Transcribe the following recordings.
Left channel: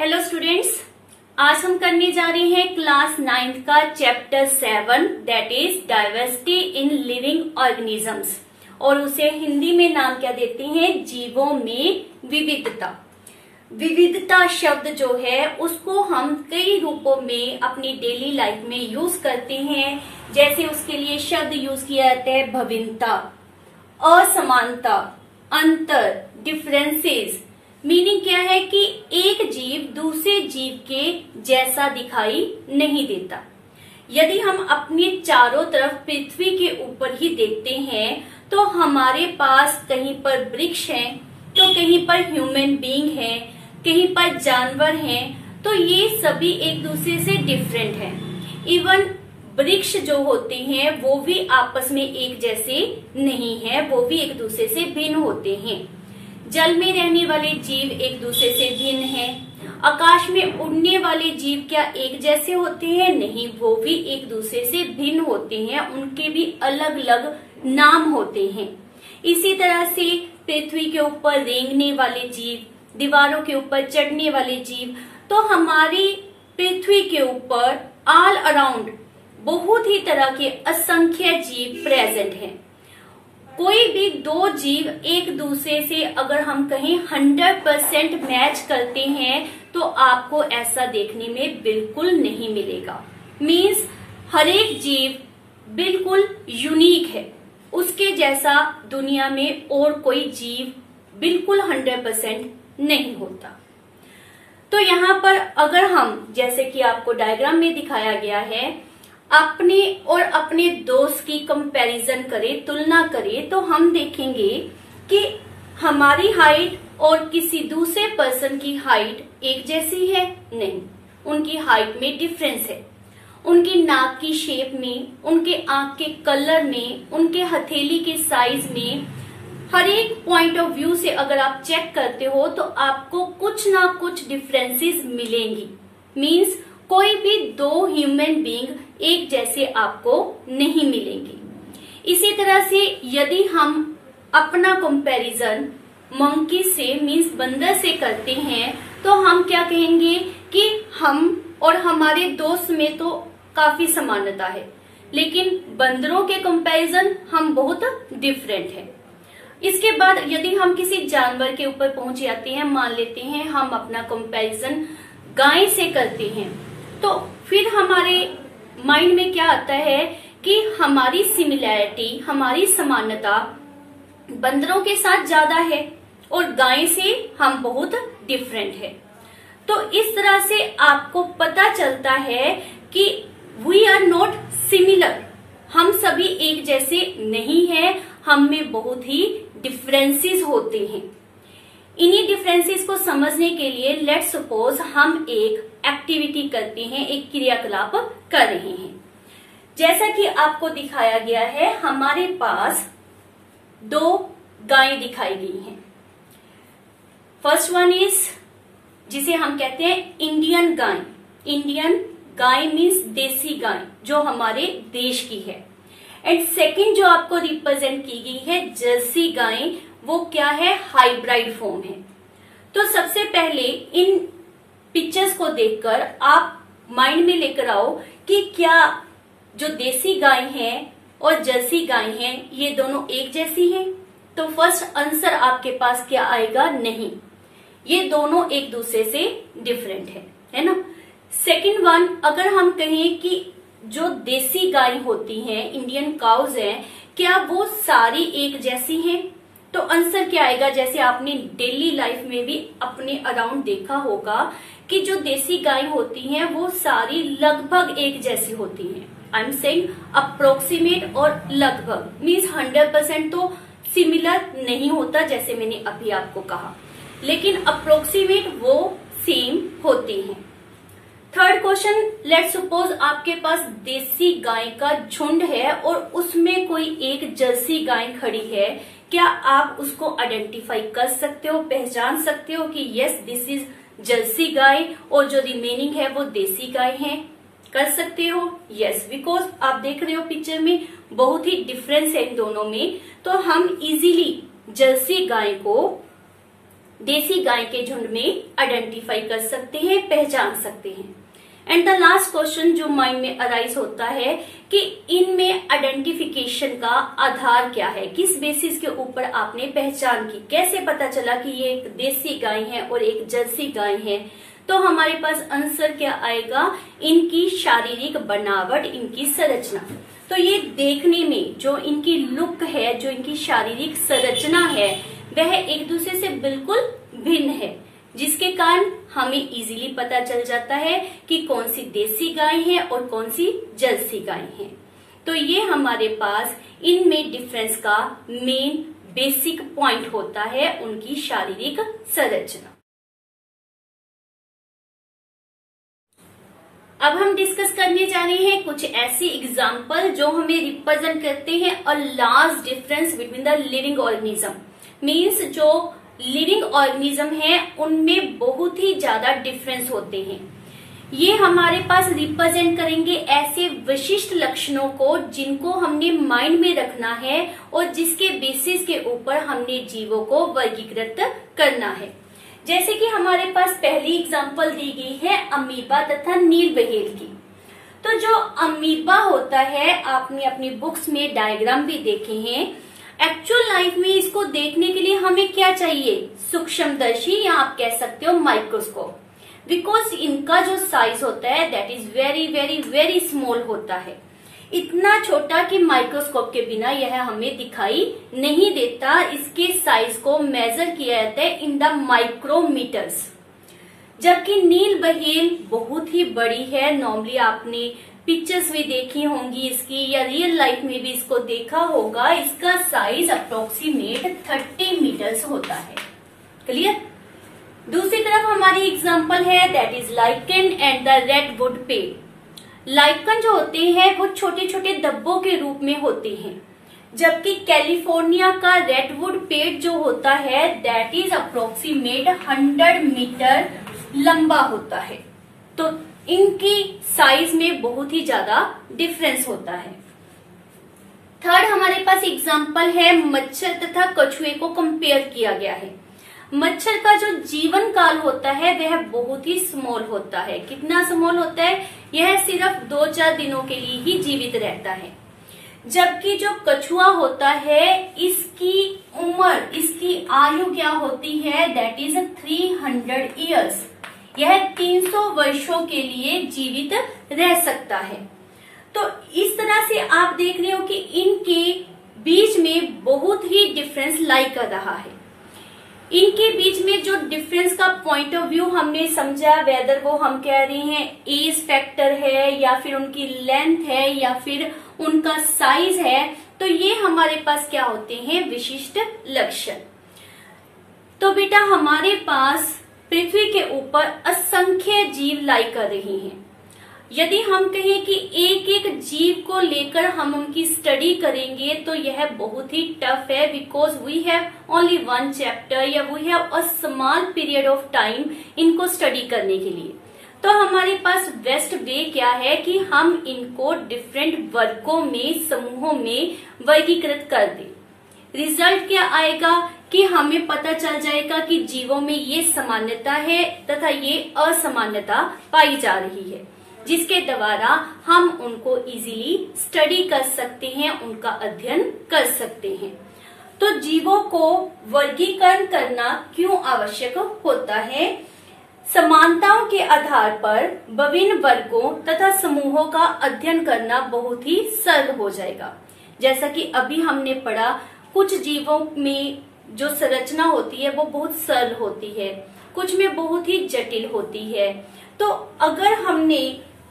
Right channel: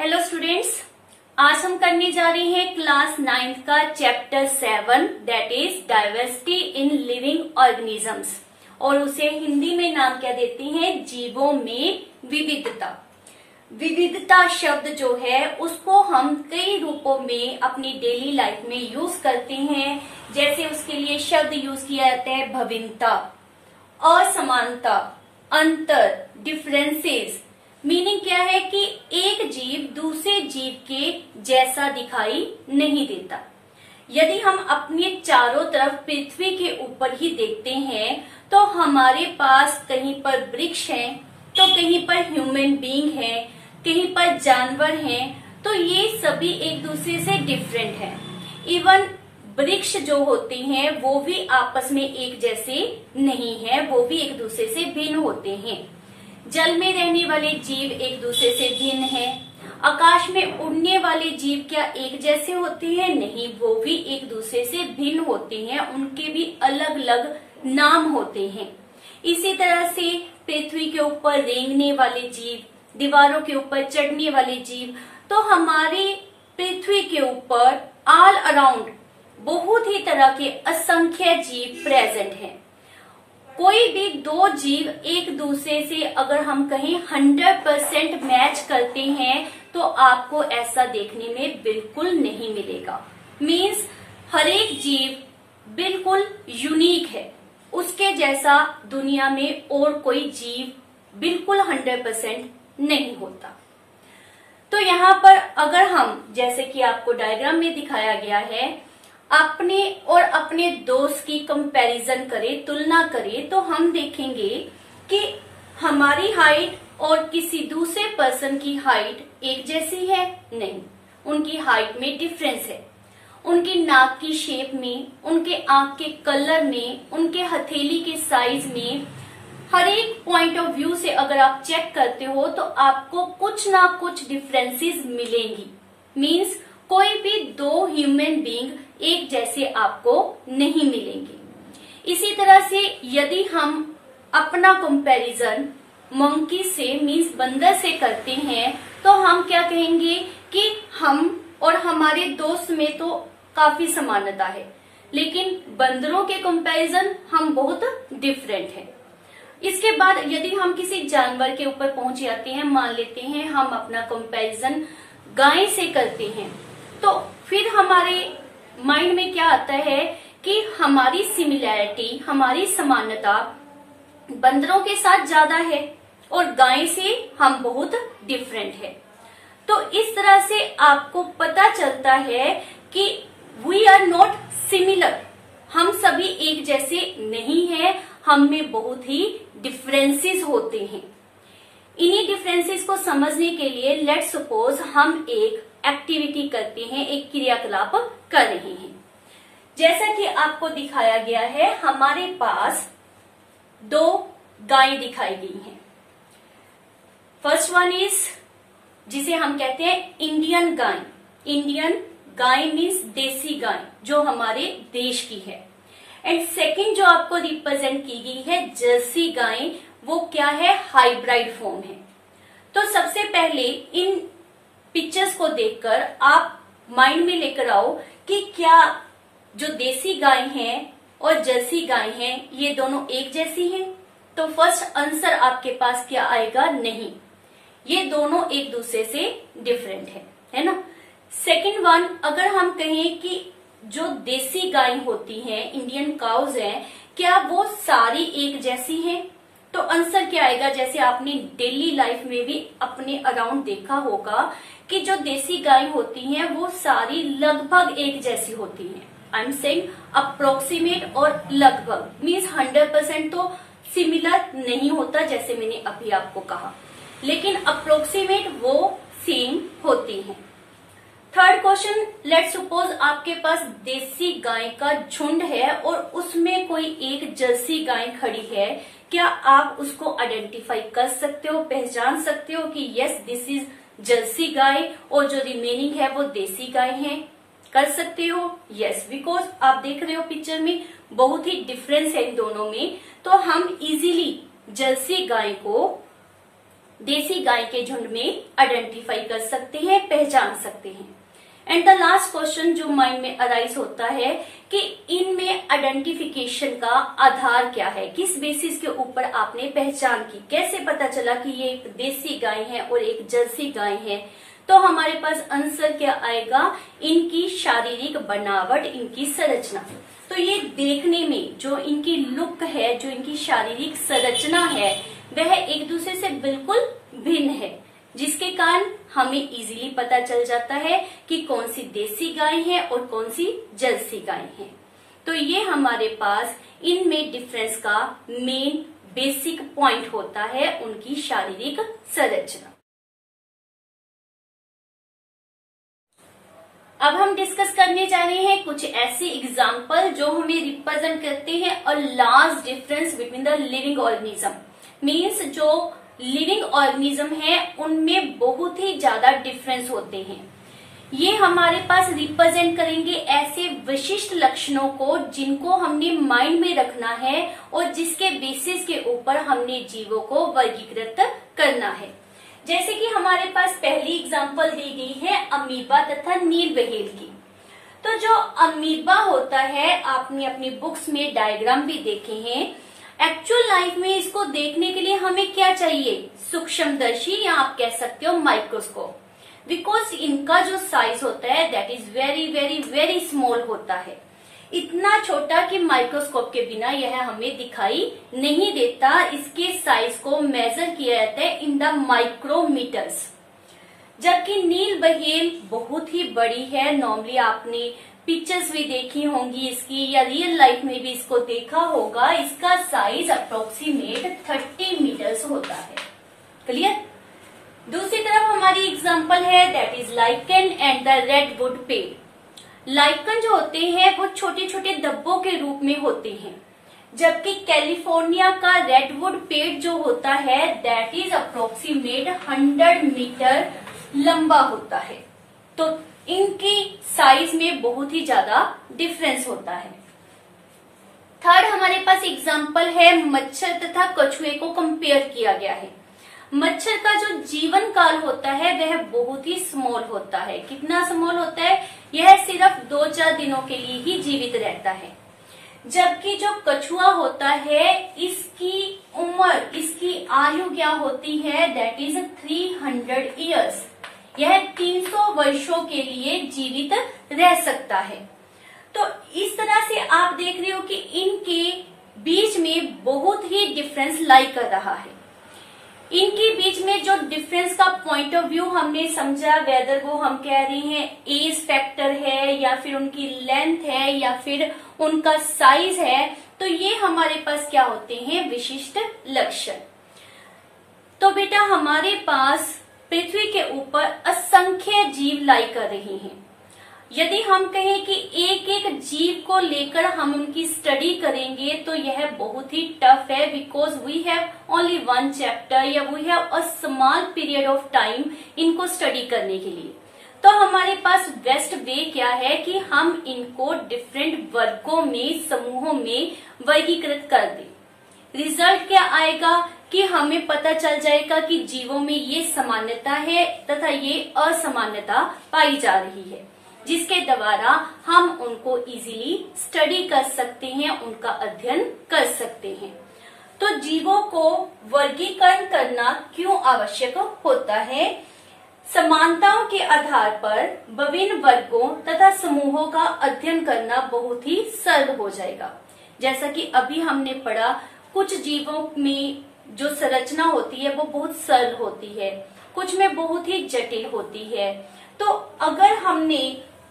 Hello students, आज हम करने जा रहे हैं क्लास 9th का chapter 7 that is diversity in living organisms और उसे हिंदी में नाम क्या देते हैं, जीवों में विविधता। विविधता शब्द जो है उसको हम कई रूपों में अपनी डेली लाइफ में यूज करते हैं। जैसे उसके लिए शब्द यूज किया जाता है भिन्नता, असमानता, अंतर, डिफरेंसेस। मीनिंग क्या है कि एक जीव दूसरे जीव के जैसा दिखाई नहीं देता। यदि हम अपने चारों तरफ पृथ्वी के ऊपर ही देखते हैं तो हमारे पास कहीं पर वृक्ष हैं, तो कहीं पर ह्यूमन बीइंग है, कहीं पर जानवर हैं, तो ये सभी एक दूसरे से डिफरेंट हैं। इवन वृक्ष जो होते हैं वो भी आपस में एक जैसे नहीं है, वो भी एक दूसरे से भिन्न होते हैं। जल में रहने वाले जीव एक दूसरे से भिन्न हैं। आकाश में उड़ने वाले जीव क्या एक जैसे होते हैं? नहीं, वो भी एक दूसरे से भिन्न होते हैं, उनके भी अलग अलग नाम होते हैं। इसी तरह से पृथ्वी के ऊपर रेंगने वाले जीव, दीवारों के ऊपर चढ़ने वाले जीव, तो हमारी पृथ्वी के ऊपर ऑल अराउंड बहुत ही तरह के असंख्य जीव प्रेजेंट हैं। कोई भी दो जीव एक दूसरे से अगर हम कहें 100% मैच करते हैं तो आपको ऐसा देखने में बिल्कुल नहीं मिलेगा। मीन्स हर एक जीव बिल्कुल यूनिक है, उसके जैसा दुनिया में और कोई जीव बिल्कुल 100% नहीं होता। तो यहाँ पर अगर हम, जैसे कि आपको डायग्राम में दिखाया गया है, अपने और अपने दोस्त की कंपैरिजन करें, तुलना करें, तो हम देखेंगे कि हमारी हाइट और किसी दूसरे पर्सन की हाइट एक जैसी है? नहीं, उनकी हाइट में डिफरेंस है। उनकी नाक की शेप में, उनके आंख के कलर में, उनके हथेली के साइज में, हर एक पॉइंट ऑफ व्यू से अगर आप चेक करते हो तो आपको कुछ ना कुछ डिफरेंसेस मिलेंगी। मीन्स कोई भी दो ह्यूमन बीइंग एक जैसे आपको नहीं मिलेंगे। इसी तरह से यदि हम अपना कंपैरिजन मंकी से, मीन्स बंदर से करते हैं, तो हम क्या कहेंगे कि हम और हमारे दोस्त में तो काफी समानता है, लेकिन बंदरों के कंपैरिजन हम बहुत डिफरेंट है। इसके बाद यदि हम किसी जानवर के ऊपर पहुंच जाते हैं, मान लेते हैं हम अपना कंपैरिजन गाय से करते हैं, तो फिर हमारे माइंड में क्या आता है कि हमारी सिमिलैरिटी, हमारी समानता बंदरों के साथ ज्यादा है और गाय से हम बहुत डिफरेंट है। तो इस तरह से आपको पता चलता है कि वी आर नॉट सिमिलर, हम सभी एक जैसे नहीं हैं, हम में बहुत ही डिफरेंसेस होते हैं। इन्हीं डिफरेंसेस को समझने के लिए लेट्स सपोज हम एक एक्टिविटी करते हैं, एक क्रियाकलाप कर रहे हैं। जैसा कि आपको दिखाया गया है, हमारे पास दो गायें दिखाई गई हैं। फर्स्ट वन इज, जिसे हम कहते हैं Indian guy. Indian guy means देसी गाय जो हमारे देश की है। एंड सेकंड जो आपको रिप्रेजेंट की गई है जर्सी गाय, वो क्या है? हाइब्रिड फॉर्म है। तो सबसे पहले इन पिक्चर्स को देखकर आप माइंड में लेकर आओ कि क्या जो देसी गाय है और जर्सी गाय है ये दोनों एक जैसी हैं? तो फर्स्ट आंसर आपके पास क्या आएगा? नहीं, ये दोनों एक दूसरे से डिफरेंट है ना। सेकंड वन, अगर हम कहें कि जो देसी गाय होती हैं, इंडियन काउज हैं, क्या वो सारी एक जैसी हैं? तो आंसर क्या आएगा? जैसे आपने डेली लाइफ में भी अपने अराउंड देखा होगा कि जो देसी गाय होती हैं वो सारी लगभग एक जैसी होती हैं। आई एम सेइंग अप्रोक्सीमेट और लगभग, मीन्स 100% तो सिमिलर नहीं होता, जैसे मैंने अभी आपको कहा, लेकिन अप्रोक्सीमेट वो सेम होती हैं। थर्ड क्वेश्चन, लेट्स सपोज आपके पास देसी गाय का झुंड है और उसमें कोई एक जर्सी गाय खड़ी है, क्या आप उसको आइडेंटिफाई कर सकते हो, पहचान सकते हो कि यस दिस इज जर्सी गाय और जो रिमेनिंग है वो देसी गाय है? कर सकते हो? यस, बिकॉज आप देख रहे हो पिक्चर में बहुत ही डिफरेंस है इन दोनों में, तो हम इजीली जर्सी गाय को देसी गाय के झुंड में आइडेंटिफाई कर सकते हैं, पहचान सकते हैं। एंड द लास्ट क्वेश्चन जो माइंड में अराइज होता है कि इनमें आइडेंटिफिकेशन का आधार क्या है, किस बेसिस के ऊपर आपने पहचान की, कैसे पता चला कि ये एक देसी गाय है और एक जर्सी गाय है। तो हमारे पास आंसर क्या आएगा, इनकी शारीरिक बनावट, इनकी संरचना। तो ये देखने में जो इनकी लुक है, जो इनकी शारीरिक संरचना है, वह एक दूसरे से बिल्कुल भिन्न है, जिसके कारण हमें इजीली पता चल जाता है कि कौन सी देसी गाय है और कौन सी जर्सी गाय है। तो ये हमारे पास इनमें डिफरेंस का मेन बेसिक पॉइंट होता है, उनकी शारीरिक संरचना। अब हम डिस्कस करने जा रहे हैं कुछ ऐसे एग्जाम्पल जो हमें रिप्रेजेंट करते हैं a large difference between the living organism. Means जो लिविंग ऑर्गेनिज्म है उनमें बहुत ही ज्यादा डिफरेंस होते हैं। ये हमारे पास रिप्रेजेंट करेंगे ऐसे विशिष्ट लक्षणों को जिनको हमने माइंड में रखना है और जिसके बेसिस के ऊपर हमने जीवों को वर्गीकृत करना है। जैसे कि हमारे पास पहली एग्जांपल दी गई है अमीबा तथा नीलबहेल की। तो जो अमीबा होता है, आपने अपनी बुक्स में डायग्राम भी देखे हैं। एक्चुअल लाइफ में इसको देखने के लिए हमें क्या चाहिए, सूक्ष्मदर्शी या आप कह सकते हो माइक्रोस्कोप, बिकॉज इनका जो साइज होता है that is very very very small होता है, इतना छोटा कि माइक्रोस्कोप के बिना यह हमें दिखाई नहीं देता। इसके साइज को मेजर किया जाता है इन द माइक्रोमीटर्स। जबकि नीलबहेल बहुत ही बड़ी है, नॉर्मली आपने पिक्चर्स भी देखी होंगी इसकी या रियल लाइफ में भी इसको देखा होगा। इसका साइज अप्रोक्सीमेट 30 मीटर्स होता है। क्लियर। दूसरी तरफ हमारी एग्जांपल है that is lichen and the redwood पेड़। लाइकन जो होते हैं वो छोटे छोटे डब्बों के रूप में होते हैं, जबकि कैलिफोर्निया का रेडवुड पेड़ जो होता है दैट इज अप्रोक्सीमेट 100 मीटर लंबा होता है। तो इनकी साइज में बहुत ही ज्यादा डिफरेंस होता है। थर्ड हमारे पास एग्जांपल है मच्छर तथा कछुए को कंपेयर किया गया है। मच्छर का जो जीवन काल होता है वह बहुत ही स्मॉल होता है। कितना स्मॉल होता है, यह सिर्फ 2-4 दिनों के लिए ही जीवित रहता है। जबकि जो कछुआ होता है इसकी उम्र, इसकी आयु क्या होती है, दैट इज 300 ईयर्स। यह 300 वर्षों के लिए जीवित रह सकता है। तो इस तरह से आप देख रहे हो कि इनके बीच में बहुत ही डिफरेंस लाई कर रहा है। इनके बीच में जो डिफरेंस का पॉइंट ऑफ व्यू हमने समझा, वेदर वो हम कह रहे हैं एज फैक्टर है या फिर उनकी लेंथ है या फिर उनका साइज है, तो ये हमारे पास क्या होते हैं, विशिष्ट लक्षण। तो बेटा हमारे पास पृथ्वी के ऊपर असंख्य जीव लाई कर रही हैं। यदि हम कहें कि एक एक जीव को लेकर हम उनकी स्टडी करेंगे तो यह बहुत ही टफ है, because we have only 1 chapter या we have a small period of time इनको स्टडी करने के लिए। तो हमारे पास बेस्ट वे क्या है कि हम इनको डिफरेंट वर्गों में, समूहों में वर्गीकृत कर दें। रिजल्ट क्या आएगा कि हमें पता चल जाएगा कि जीवों में ये समानता है तथा ये असमानता पाई जा रही है, जिसके द्वारा हम उनको इजीली स्टडी कर सकते हैं, उनका अध्ययन कर सकते हैं। तो जीवों को वर्गीकरण करना क्यों आवश्यक होता है? समानताओं के आधार पर विभिन्न वर्गों तथा समूहों का अध्ययन करना बहुत ही सरल हो जाएगा। जैसा कि अभी हमने पढ़ा, कुछ जीवों में जो संरचना होती है वो बहुत सरल होती है, कुछ में बहुत ही जटिल होती है। तो अगर हमने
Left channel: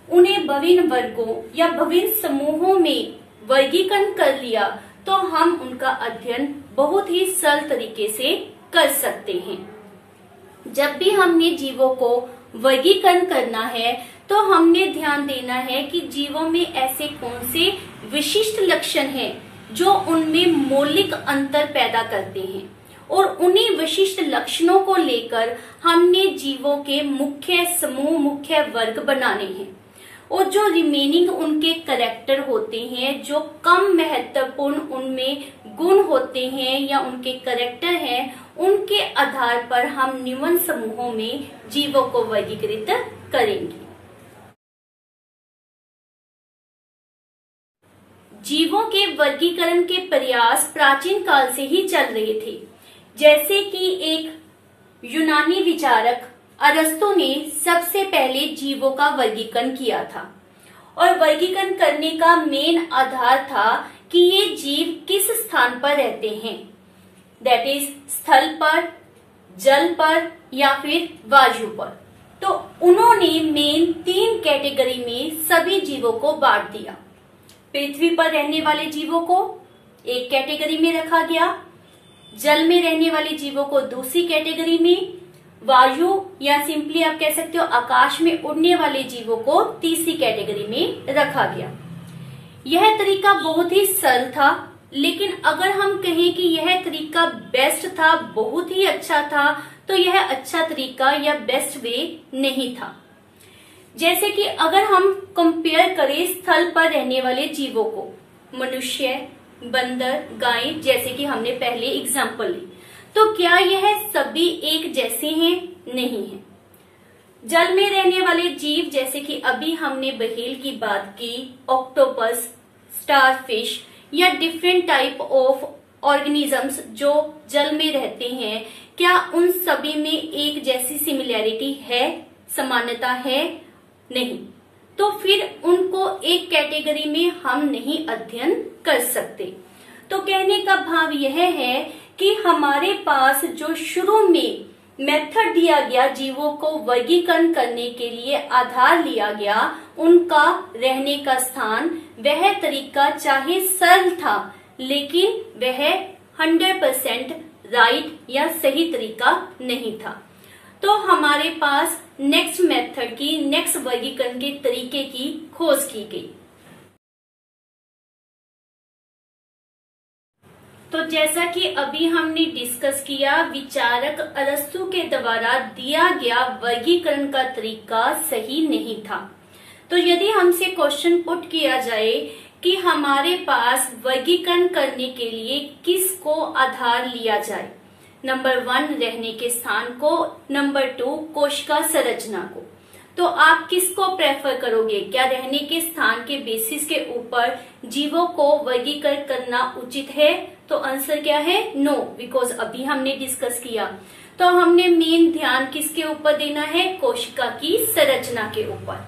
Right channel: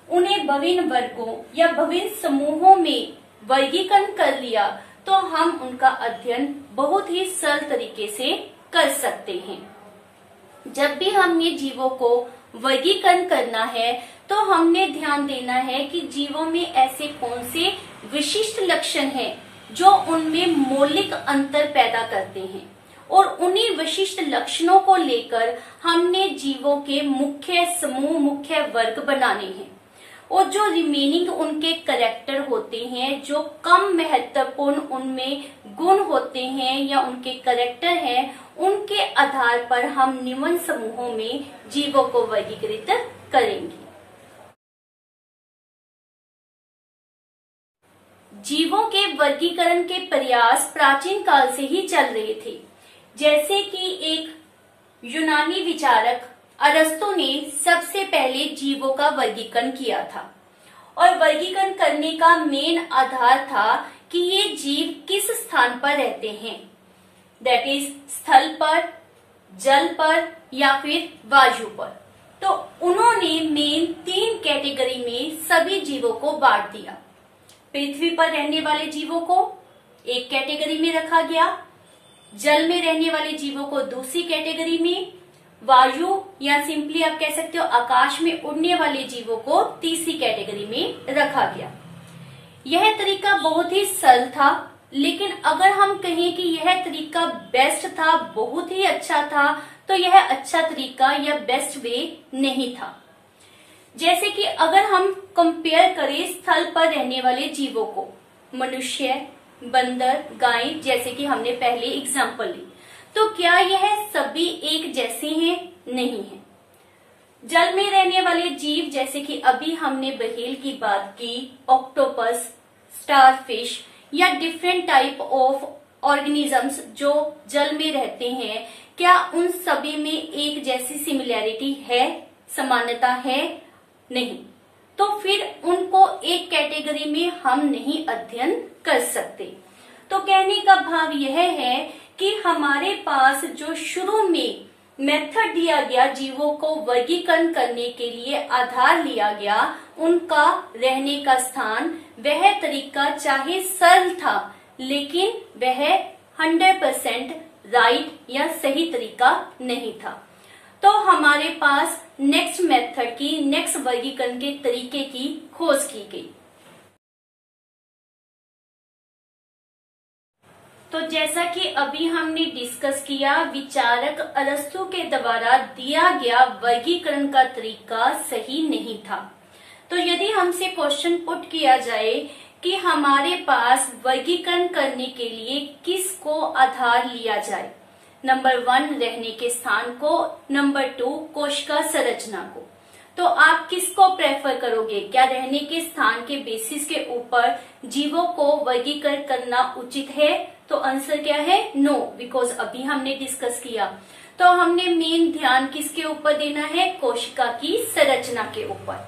उन्हें विभिन्न वर्गों या विभिन्न समूहों में वर्गीकरण कर लिया तो हम उनका अध्ययन बहुत ही सरल तरीके से कर सकते हैं। जब भी हमने जीवों को वर्गीकरण करना है तो हमने ध्यान देना है कि जीवों में ऐसे कौन से विशिष्ट लक्षण हैं जो उनमें मौलिक अंतर पैदा करते हैं, और उन्हीं विशिष्ट लक्षणों को लेकर हमने जीवों के मुख्य समूह, मुख्य वर्ग बनाने हैं। और जो रिमेनिंग उनके कैरेक्टर होते हैं, जो कम महत्वपूर्ण उनमें गुण होते हैं या उनके कैरेक्टर हैं, उनके आधार पर हम निम्न समूहों में जीवों को वर्गीकृत करेंगे। जीवों के वर्गीकरण के प्रयास प्राचीन काल से ही चल रहे थे। जैसे कि एक यूनानी विचारक अरस्तु ने सबसे पहले जीवों का वर्गीकरण किया था और वर्गीकरण करने का मेन आधार था कि ये जीव किस स्थान पर रहते हैं, दैट इज स्थल पर, जल पर या फिर वायु पर। तो उन्होंने मेन 3 कैटेगरी में सभी जीवों को बांट दिया। पृथ्वी पर रहने वाले जीवों को एक कैटेगरी में रखा गया, जल में रहने वाले जीवों को दूसरी कैटेगरी में, वायु या सिंपली आप कह सकते हो आकाश में उड़ने वाले जीवों को तीसरी कैटेगरी में रखा गया। यह तरीका बहुत ही सरल था, लेकिन अगर हम कहें कि यह तरीका बेस्ट था, बहुत ही अच्छा था, तो यह अच्छा तरीका या बेस्ट वे नहीं था। जैसे कि अगर हम कंपेयर करें स्थल पर रहने वाले जीवों को, मनुष्य, बंदर, गाय, जैसे कि हमने पहले एग्जाम्पल ली, तो क्या यह सभी एक जैसे हैं? नहीं है। जल में रहने वाले जीव, जैसे कि अभी हमने व्हेल की बात की, ऑक्टोपस, स्टारफिश या डिफरेंट टाइप ऑफ ऑर्गेनिजम्स जो जल में रहते हैं, क्या उन सभी में एक जैसी सिमिलैरिटी है, समानता है? नहीं। तो फिर उनको एक कैटेगरी में हम नहीं अध्ययन कर सकते। तो कहने का भाव यह है कि हमारे पास जो शुरू में मेथड दिया गया जीवों को वर्गीकरण करने के लिए आधार लिया गया, उनका रहने का स्थान, वह तरीका चाहे सरल था, लेकिन वह 100% राइट या सही तरीका नहीं था। तो हमारे पास नेक्स्ट मेथड की, नेक्स्ट वर्गीकरण के तरीके की खोज की गई। तो जैसा कि अभी हमने डिस्कस किया, विचारक अरस्तु के द्वारा दिया गया वर्गीकरण का तरीका सही नहीं था। तो यदि हमसे क्वेश्चन पुट किया जाए कि हमारे पास वर्गीकरण करने के लिए किसको आधार लिया जाए, नंबर 1 रहने के स्थान को, नंबर 2 कोशिका संरचना को, तो आप किसको प्रेफर करोगे? क्या रहने के स्थान के बेसिस के ऊपर जीवों को वर्गीकरण करना उचित है? तो आंसर क्या है? नो, बिकॉज अभी हमने डिस्कस किया। तो हमने मेन ध्यान किसके ऊपर देना है? कोशिका की संरचना के ऊपर।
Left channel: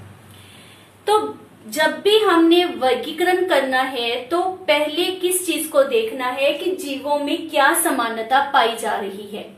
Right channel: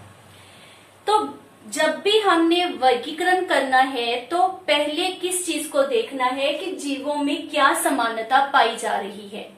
तो जब भी हमने वर्गीकरण करना है तो पहले किस चीज को देखना है कि जीवों में क्या समानता पाई जा रही है।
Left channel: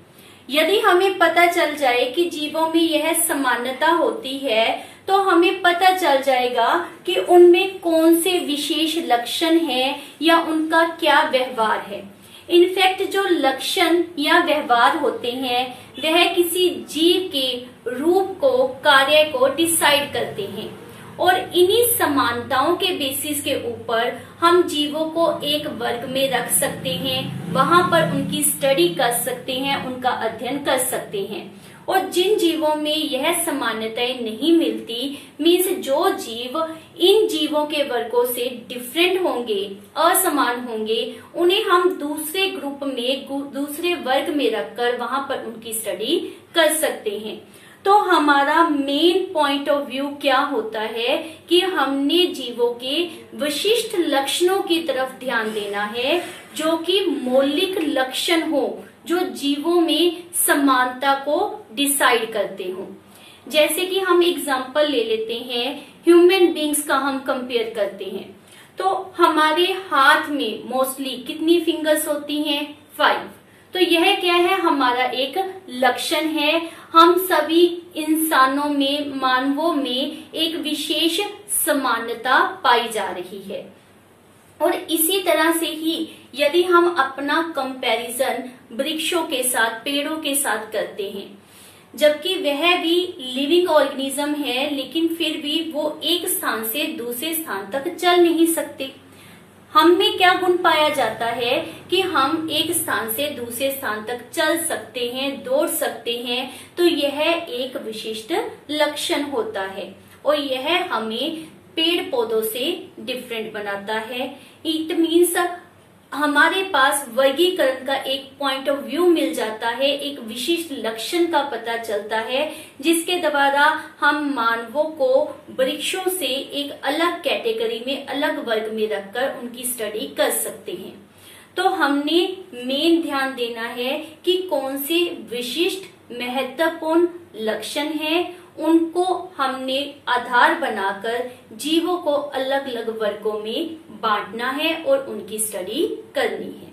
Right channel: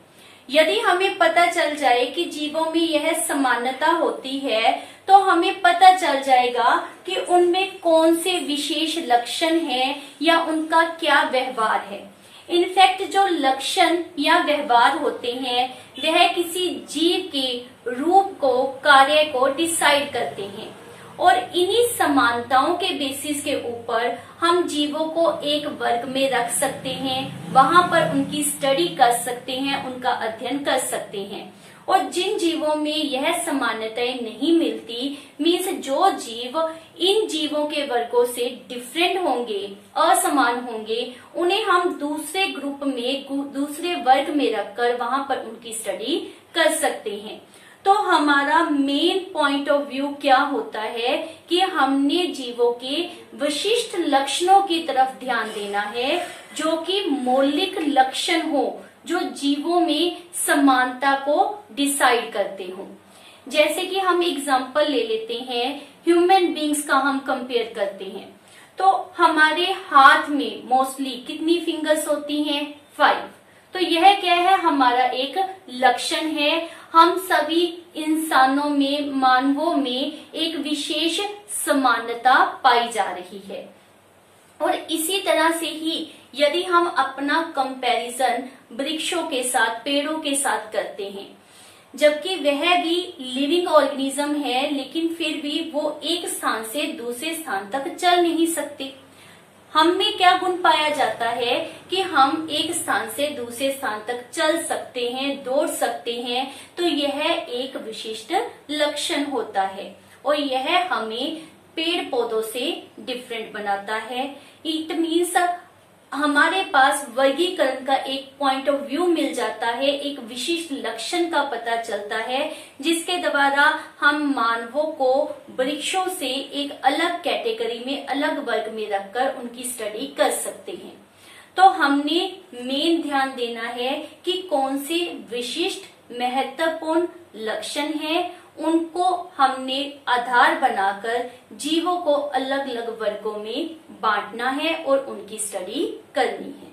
यदि हमें पता चल जाए कि जीवों में यह समानता होती है, तो हमें पता चल जाएगा कि उनमें कौन से विशेष लक्षण हैं या उनका क्या व्यवहार है। इनफैक्ट जो लक्षण या व्यवहार होते हैं वह किसी जीव के रूप को, कार्य को डिसाइड करते हैं और इन्हीं समानताओं के बेसिस के ऊपर हम जीवों को एक वर्ग में रख सकते हैं, वहां पर उनकी स्टडी कर सकते हैं, उनका अध्ययन कर सकते हैं। और जिन जीवों में यह समानताएं नहीं मिलती, मीन्स जो जीव इन जीवों के वर्गों से डिफरेंट होंगे, असमान होंगे, उन्हें हम दूसरे ग्रुप में, दूसरे वर्ग में रखकर वहां पर उनकी स्टडी कर सकते हैं। तो हमारा मेन पॉइंट ऑफ व्यू क्या होता है कि हमने जीवों के विशिष्ट लक्षणों की तरफ ध्यान देना है, जो कि मौलिक लक्षण हो, जो जीवों में समानता को डिसाइड करते हो। जैसे कि हम एग्जांपल ले लेते हैं, ह्यूमन बींग्स का हम कंपेयर करते हैं, तो हमारे हाथ में मोस्टली कितनी फिंगर्स होती हैं? 5। तो यह क्या है? हमारा एक लक्षण है। हम सभी इंसानों में, मानवों में एक विशेष समानता पाई जा रही है। और इसी तरह से ही यदि हम अपना कंपैरिजन वृक्षों के साथ, पेड़ों के साथ करते हैं, जबकि वह भी लिविंग ऑर्गेनिज्म है, लेकिन फिर भी वो एक स्थान से दूसरे स्थान तक चल नहीं सकते। हम में क्या गुण पाया जाता है कि हम एक स्थान से दूसरे स्थान तक चल सकते हैं, दौड़ सकते हैं। तो यह एक विशिष्ट लक्षण होता है और यह हमें पेड़ पौधों से डिफरेंट बनाता है। इट मीन्स हमारे पास वर्गीकरण का एक पॉइंट ऑफ व्यू मिल जाता है, एक विशिष्ट लक्षण का पता चलता है, जिसके द्वारा हम मानवों को वृक्षों से एक अलग कैटेगरी में, अलग वर्ग में रखकर उनकी स्टडी कर सकते हैं। तो हमने मेन ध्यान देना है कि कौन से विशिष्ट महत्वपूर्ण लक्षण हैं, उनको हमने आधार बनाकर जीवों को अलग अलग वर्गों में बांटना है और उनकी स्टडी करनी है।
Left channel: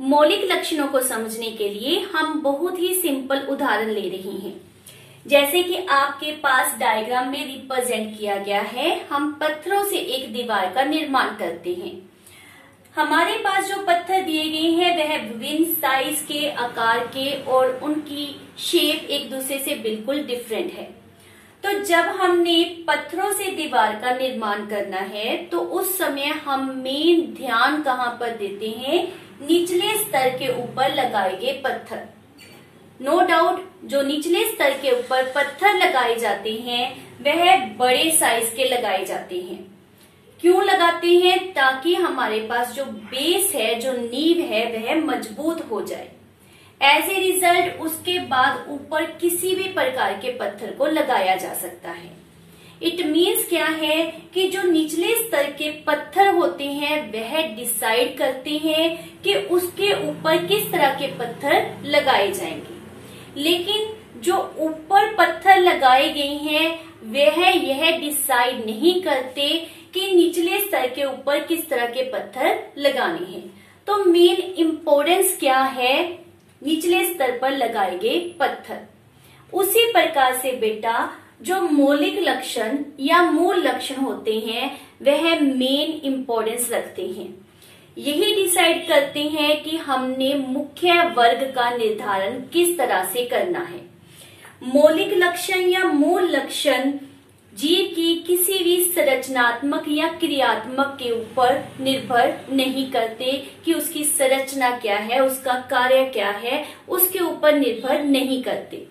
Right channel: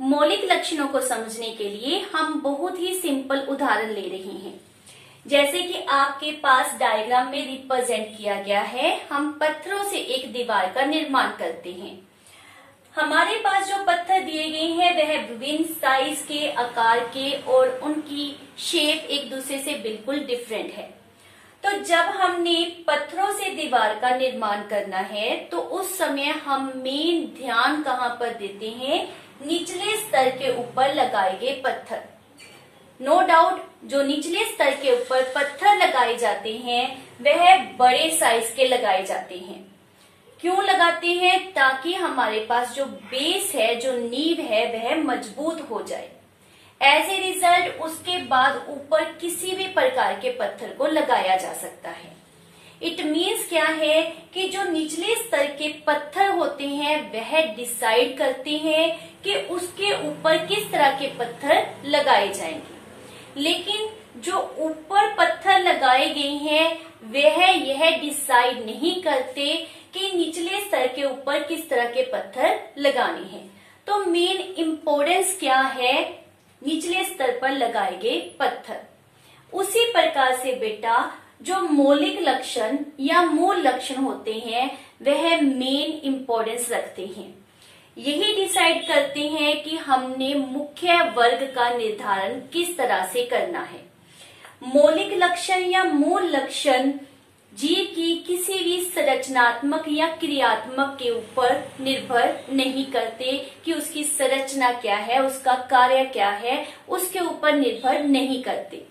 मौलिक लक्षणों को समझने के लिए हम बहुत ही सिंपल उदाहरण ले रहे हैं। जैसे कि आपके पास डायग्राम में रिप्रेजेंट किया गया है, हम पत्थरों से एक दीवार का निर्माण करते हैं। हमारे पास जो पत्थर दिए गए हैं वह विभिन्न साइज के, आकार के और उनकी शेप एक दूसरे से बिल्कुल डिफरेंट है। तो जब हमने पत्थरों से दीवार का निर्माण करना है तो उस समय हम मेन ध्यान कहाँ पर देते हैं? निचले स्तर के ऊपर लगाए गए पत्थर। नो डाउट जो निचले स्तर के ऊपर पत्थर लगाए जाते हैं वह बड़े साइज के लगाए जाते हैं। क्यों लगाते हैं? ताकि हमारे पास जो बेस है, जो नींव है, वह मजबूत हो जाए। एज ए रिजल्ट उसके बाद ऊपर किसी भी प्रकार के पत्थर को लगाया जा सकता है। इट मीन्स क्या है कि जो निचले स्तर के पत्थर होते हैं वह डिसाइड करते हैं कि उसके ऊपर किस तरह के पत्थर लगाए जाएंगे, लेकिन जो ऊपर पत्थर लगाए गए हैं वह यह डिसाइड नहीं करते कि निचले स्तर के ऊपर किस तरह के पत्थर लगाने हैं। तो मेन इम्पोर्टेंस क्या है? निचले स्तर पर लगाए गए पत्थर। उसी प्रकार से बेटा जो मौलिक लक्षण या मूल लक्षण होते हैं वह मेन इम्पोर्टेंस रखते हैं। यही डिसाइड करते हैं कि हमने मुख्य वर्ग का निर्धारण किस तरह से करना है। मौलिक लक्षण या मूल लक्षण जीव की किसी भी संरचनात्मक या क्रियात्मक के ऊपर निर्भर नहीं करते कि उसकी संरचना क्या है, उसका कार्य क्या है, उसके ऊपर निर्भर नहीं करते।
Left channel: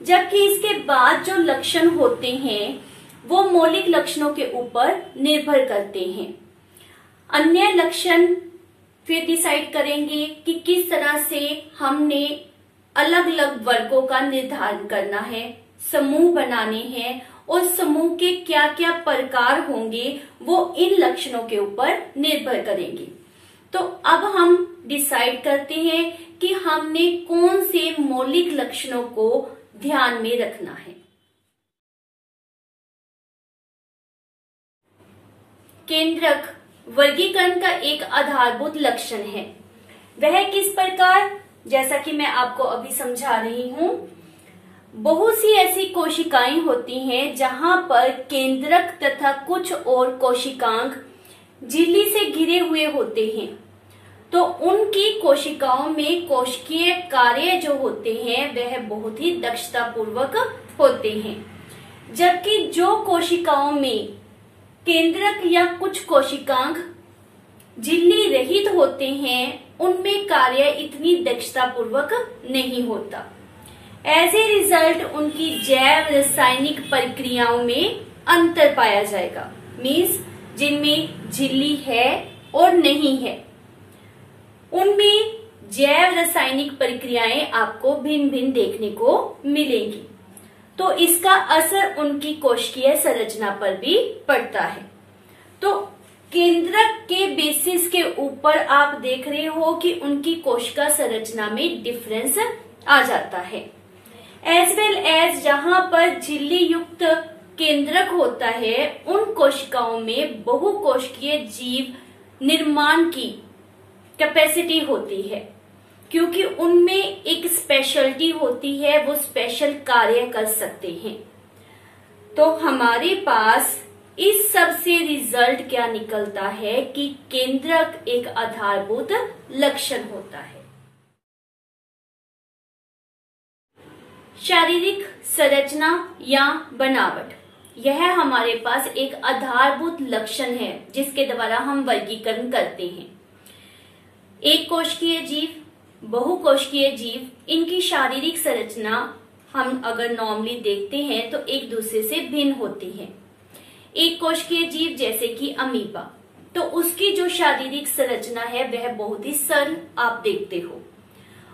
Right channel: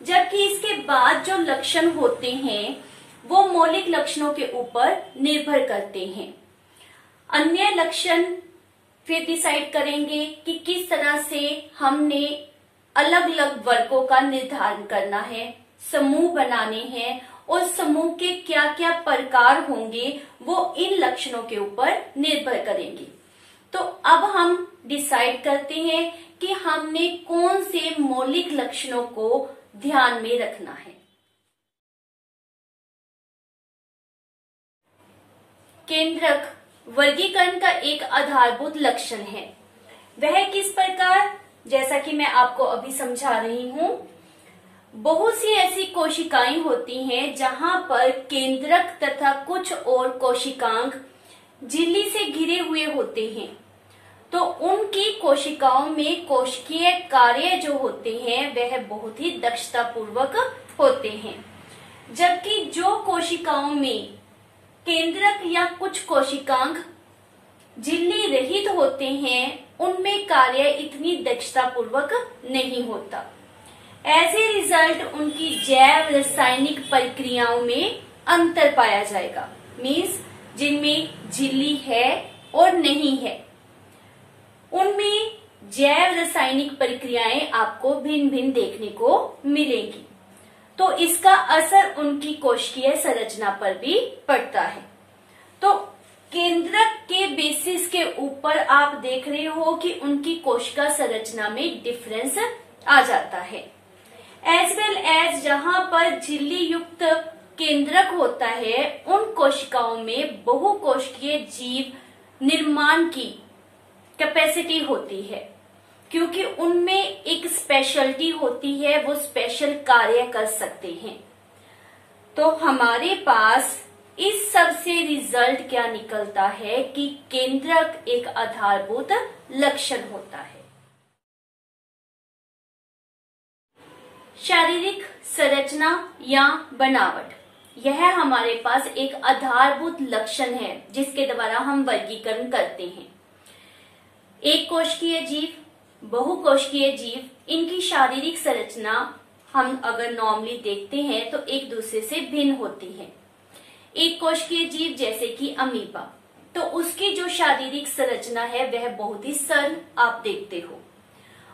जबकि इसके बाद जो लक्षण होते हैं वो मौलिक लक्षणों के ऊपर निर्भर करते हैं। अन्य लक्षण फिर डिसाइड करेंगे कि किस तरह से हमने अलग अलग वर्गों का निर्धारण करना है, समूह बनाने हैं और समूह के क्या क्या प्रकार होंगे वो इन लक्षणों के ऊपर निर्भर करेंगे। तो अब हम डिसाइड करते हैं कि हमने कौन से मौलिक लक्षणों को ध्यान में रखना है। केंद्रक वर्गीकरण का एक आधारभूत लक्षण है। वह किस प्रकार? जैसा कि मैं आपको अभी समझा रही हूं, बहुत सी ऐसी कोशिकाएं होती हैं जहां पर केंद्रक तथा कुछ और कोशिकांग झिल्ली से घिरे हुए होते हैं। तो उनकी कोशिकाओं में कोशिकीय कार्य जो होते हैं वह बहुत ही दक्षता पूर्वक होते हैं। जबकि जो कोशिकाओं में केंद्रक या कुछ कोशिकांग झिल्ली रहित होते हैं उनमें कार्य इतनी दक्षता पूर्वक नहीं होता। एज ए रिजल्ट उनकी जैव रासायनिक प्रक्रियाओं में अंतर पाया जाएगा। मीन्स जिनमें झिल्ली है और नहीं है उनमें जैव रासायनिक प्रक्रियाएं आपको भिन्न भिन्न देखने को मिलेंगी। तो इसका असर उनकी कोशिकीय संरचना पर भी पड़ता है। तो केंद्रक के बेसिस के ऊपर आप देख रहे हो कि उनकी कोशिका संरचना में डिफरेंस आ जाता है। एज वेल एज जहां पर झिल्ली युक्त केंद्रक होता है उन कोशिकाओं में बहुकोशिकीय जीव निर्माण की कैपेसिटी होती है, क्योंकि उनमें एक स्पेशलिटी होती है, वो स्पेशल कार्य कर सकते हैं। तो हमारे पास इस सब से रिजल्ट क्या निकलता है कि केंद्रक एक आधारभूत लक्षण होता है। शारीरिक संरचना या बनावट, यह हमारे पास एक आधारभूत लक्षण है जिसके द्वारा हम वर्गीकरण करते हैं। एक कोशिकीय जीव, बहुकोशिकीय जीव, इनकी शारीरिक संरचना हम अगर नॉर्मली देखते हैं तो एक दूसरे से भिन्न होती हैं। एक कोशिकीय जीव जैसे कि अमीबा, तो उसकी जो शारीरिक संरचना है वह बहुत ही सरल आप देखते हो।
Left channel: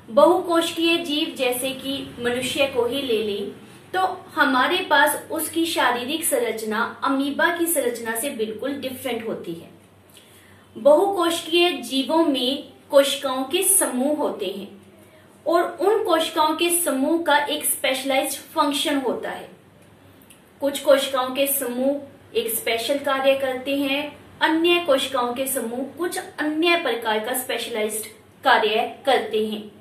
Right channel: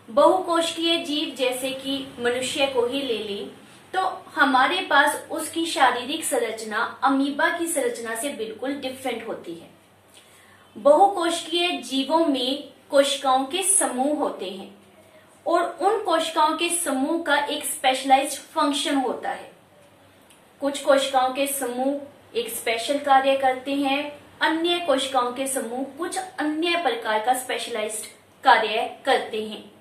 बहुकोशिकीय जीव जैसे कि मनुष्य को ही ले लें तो हमारे पास उसकी शारीरिक संरचना अमीबा की संरचना से बिल्कुल डिफरेंट होती है। बहुकोशिकीय जीवों में कोशिकाओं के समूह होते हैं और उन कोशिकाओं के समूह का एक स्पेशलाइज्ड फंक्शन होता है। कुछ कोशिकाओं के समूह एक स्पेशल कार्य करते हैं, अन्य कोशिकाओं के समूह कुछ अन्य प्रकार का स्पेशलाइज्ड कार्य करते हैं।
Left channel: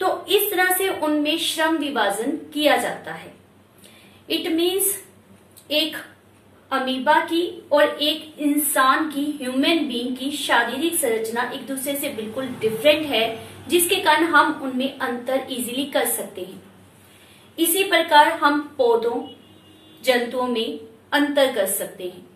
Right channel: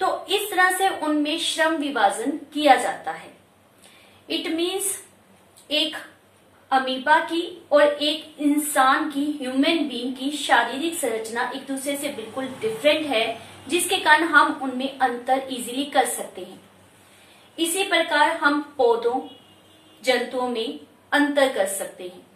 तो इस तरह से उनमें श्रम विभाजन किया जाता है। इट मीन्स एक अमीबा की और एक इंसान की, ह्यूमन बीइंग की शारीरिक संरचना एक दूसरे से बिल्कुल डिफरेंट है, जिसके कारण हम उनमें अंतर इजीली कर सकते हैं। इसी प्रकार हम पौधों, जंतुओं में अंतर कर सकते हैं।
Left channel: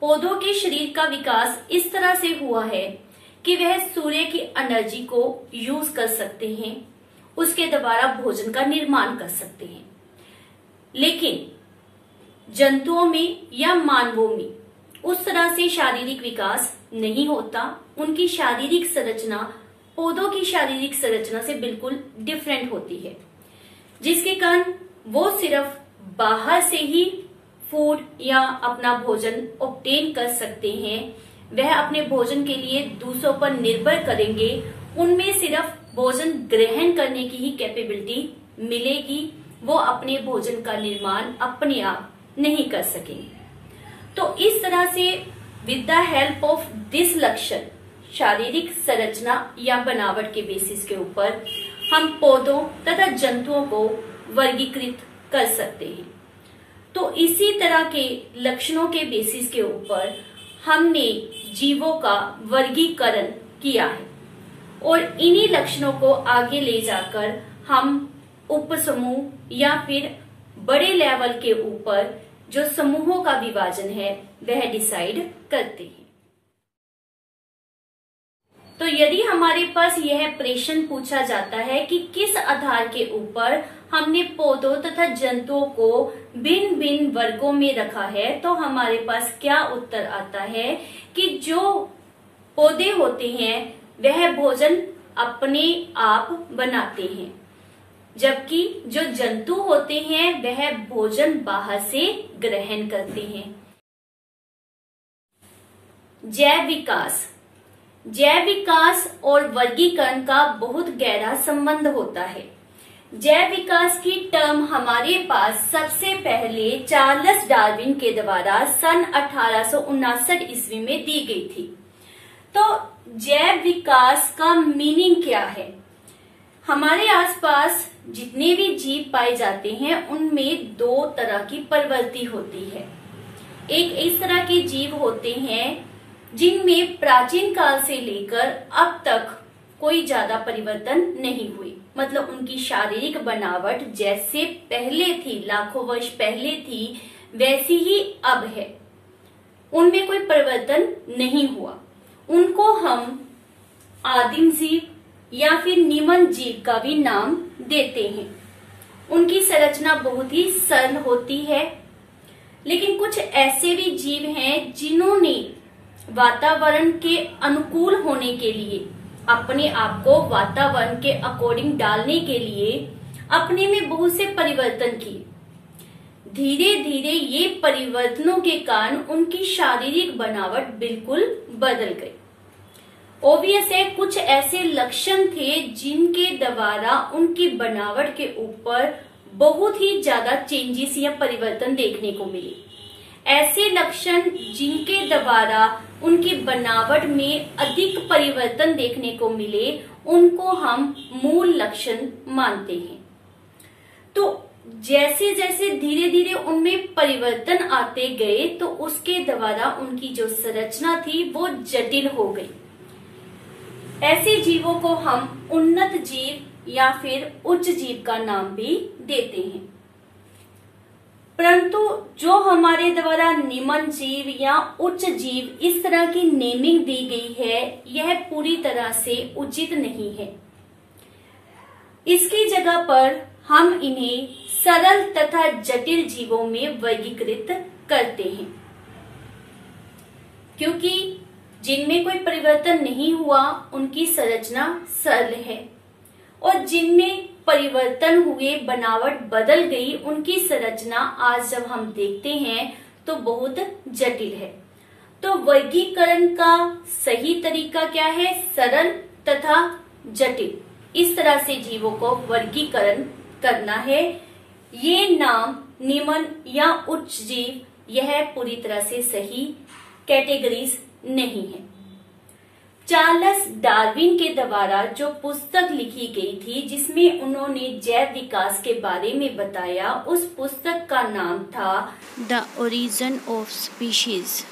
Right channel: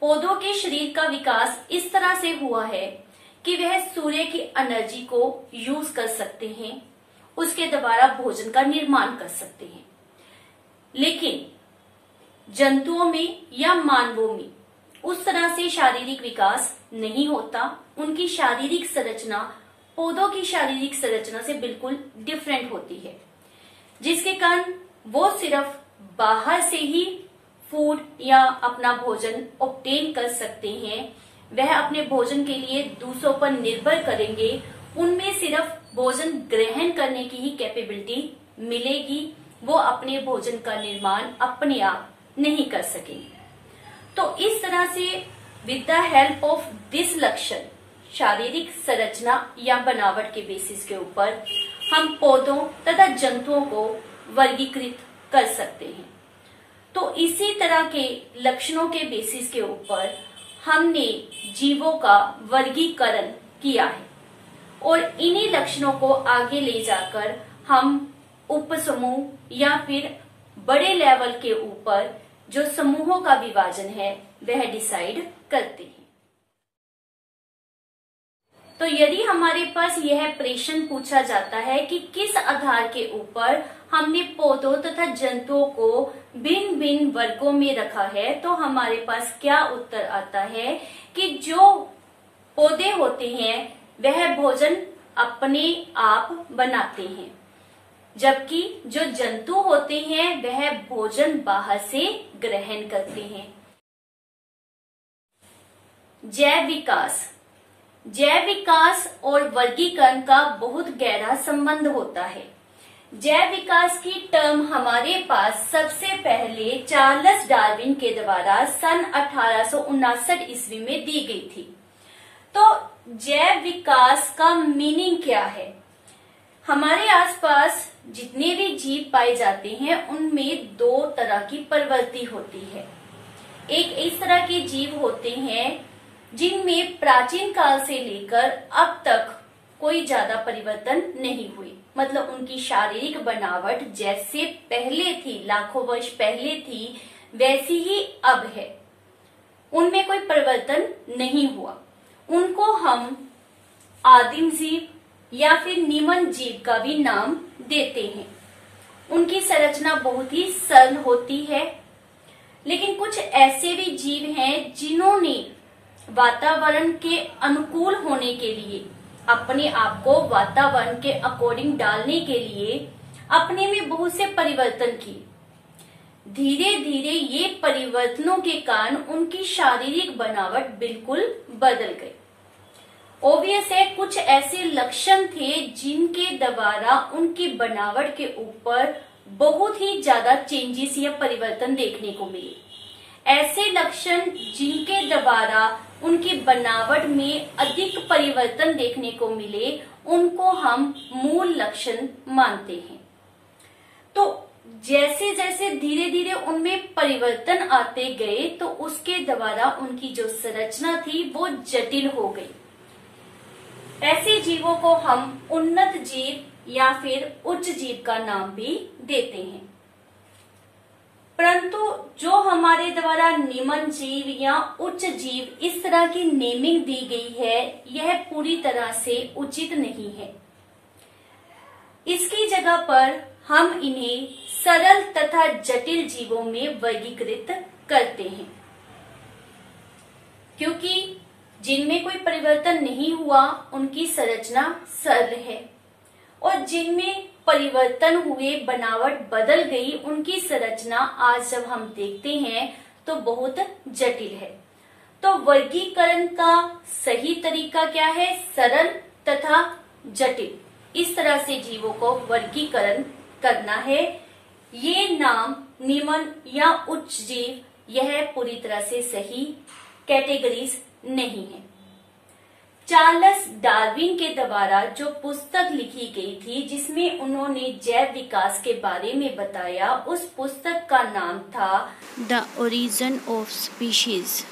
पौधों के शरीर का विकास इस तरह से हुआ है कि वह सूर्य की एनर्जी को यूज कर सकते हैं, उसके द्वारा भोजन का निर्माण कर सकते हैं। लेकिन जंतुओं में या मानवों में उस तरह से शारीरिक विकास नहीं होता। उनकी शारीरिक संरचना पौधों की शारीरिक संरचना से बिल्कुल डिफरेंट होती है, जिसके कारण वो सिर्फ बाहर से ही फूड या अपना भोजन ऑब्टेन कर सकते हैं। वह अपने भोजन के लिए दूसरों पर निर्भर करेंगे, उनमें सिर्फ भोजन ग्रहण करने की ही कैपेबिलिटी मिलेगी, वो अपने भोजन का निर्माण अपने आप नहीं कर सकेंगे। तो इस तरह से with the help of this लक्षण, शारीरिक संरचना या बनावट के बेसिस के ऊपर हम पौधों तथा जंतुओं को वर्गीकृत कर सकते हैं। तो इसी तरह के लक्षणों के बेसिस के ऊपर हमने जीवों का वर्गीकरण किया है और इन्हीं लक्षणों को आगे ले जाकर हम उपसमूह या फिर बड़े लेवल के ऊपर जो समूहों का विभाजन है वह डिसाइड करते हैं। तो यदि हमारे पास यह प्रश्न पूछा जाता है कि किस आधार के ऊपर हमने पौधों तथा जंतुओं को भिन्न भिन्न वर्गों में रखा है, तो हमारे पास क्या उत्तर आता है कि जो पौधे होते हैं वह भोजन अपने आप बनाते हैं, जबकि जो जंतु होते हैं वह भोजन बाहर से ग्रहण करते हैं। जैव विकास और वर्गीकरण का बहुत गहरा संबंध होता है। जैव विकास की टर्म हमारे पास सबसे पहले चार्ल्स डार्विन के द्वारा सन 1859 ईस्वी में दी गई थी। तो जैव विकास का मीनिंग क्या है? हमारे आसपास जितने भी जीव पाए जाते हैं उनमें दो तरह की प्रवृत्ति होती है। एक इस तरह के जीव होते हैं जिनमें प्राचीन काल से लेकर अब तक कोई ज्यादा परिवर्तन नहीं हुए, मतलब उनकी शारीरिक बनावट जैसे पहले थी, लाखों वर्ष पहले थी, वैसी ही अब है, उनमें कोई परिवर्तन नहीं हुआ। उनको हम आदिम जीव या फिर निमन जीव का भी नाम देते हैं। उनकी संरचना बहुत ही सरल होती है, लेकिन कुछ ऐसे भी जीव हैं जिन्होंने वातावरण के अनुकूल होने के लिए, अपने आप को वातावरण के अकॉर्डिंग डालने के लिए अपने में बहुत से परिवर्तन किए। धीरे धीरे ये परिवर्तनों के कारण उनकी शारीरिक बनावट बिल्कुल बदल गई। ऑब्वियस है, कुछ ऐसे लक्षण थे जिनके द्वारा उनकी बनावट के ऊपर बहुत ही ज्यादा चेंजेस या परिवर्तन देखने को मिले। ऐसे लक्षण जिनके द्वारा उनकी बनावट में अधिक परिवर्तन देखने को मिले, उनको हम मूल लक्षण मानते हैं। तो जैसे जैसे धीरे धीरे उनमें परिवर्तन आते गए तो उसके द्वारा उनकी जो संरचना थी वो जटिल हो गई। ऐसे जीवों को हम उन्नत जीव या फिर उच्च जीव का नाम भी देते हैं। परंतु जो हमारे द्वारा निमन जीव या उच्च जीव इस तरह की नेमिंग दी गई है, यह पूरी तरह से उचित नहीं है। इसकी जगह पर हम इन्हें सरल तथा जटिल जीवों में वर्गीकृत करते हैं, क्योंकि जिनमें कोई परिवर्तन नहीं हुआ उनकी संरचना सरल है, और जिनमें परिवर्तन हुए, बनावट बदल गई, उनकी संरचना आज जब हम देखते हैं तो बहुत जटिल है। तो वर्गीकरण का सही तरीका क्या है? सरल तथा जटिल, इस तरह से जीवों को वर्गीकरण करना है। ये नाम निम्न या उच्च जीव, यह पूरी तरह से सही कैटेगरीज नहीं है। चार्ल्स डार्विन के द्वारा जो पुस्तक लिखी गई थी जिसमें उन्होंने जैव विकास के बारे में बताया, उस पुस्तक का नाम था द ओरिजिन ऑफ स्पीशीज।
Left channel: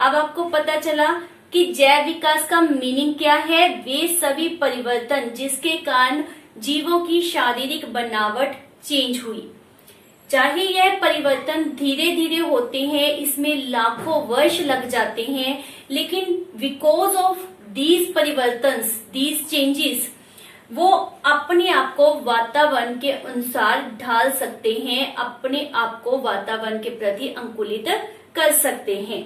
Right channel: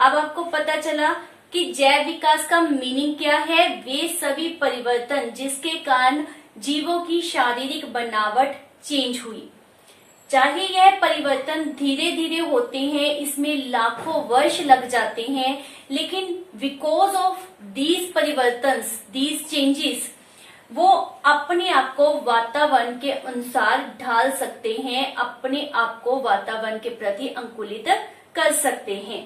अब आपको पता चला कि जैव विकास का मीनिंग क्या है। वे सभी परिवर्तन जिसके कारण जीवों की शारीरिक बनावट चेंज हुई, चाहे यह परिवर्तन धीरे धीरे होते हैं, इसमें लाखों वर्ष लग जाते हैं, लेकिन बिकॉज ऑफ दीज परिवर्तन, दीज चेंजेस, वो अपने आप को वातावरण के अनुसार ढाल सकते हैं, अपने आप को वातावरण के प्रति अनुकूलित कर सकते हैं।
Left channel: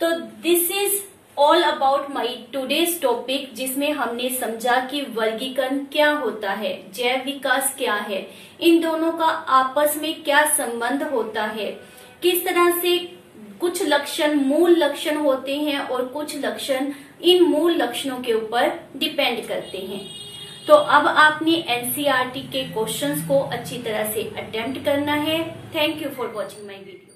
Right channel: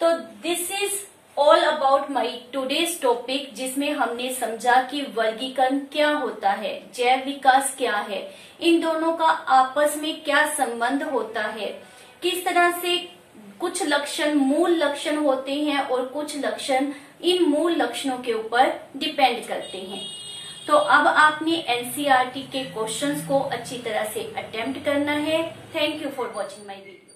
तो this is all about my today's topic, जिसमें हमने समझा कि वर्गीकरण क्या होता है, जैव विकास क्या है, इन दोनों का आपस में क्या संबंध होता है, किस तरह से कुछ लक्षण मूल लक्षण होते हैं और कुछ लक्षण इन मूल लक्षणों के ऊपर डिपेंड करते हैं। तो अब आपने एनसीईआरटी के क्वेश्चंस को अच्छी तरह से अटेम्प्ट करना है। Thank you for watching my video.